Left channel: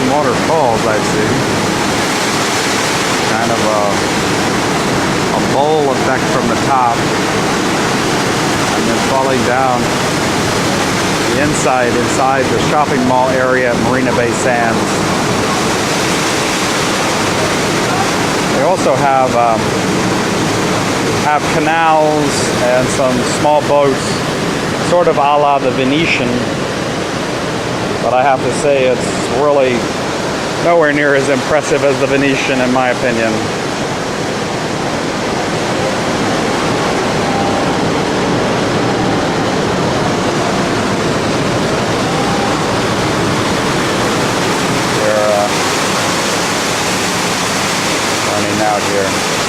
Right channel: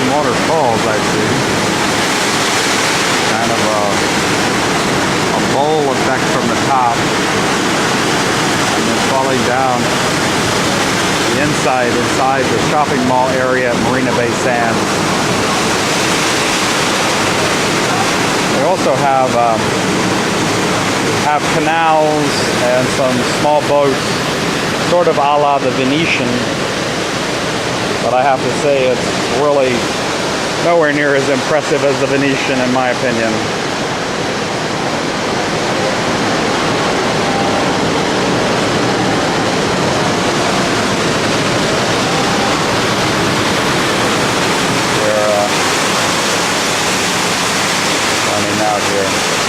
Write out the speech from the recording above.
and waterfalls, I see. Kind of a bowl effect from the top. And then falling down the inside the shopping mall area at Marina Bay Sands. They also have canals and some small boats, sort of a la the Venetian. But I have to say it's really nowhere near as impressive as the Venetian, in my opinion. We're running out here.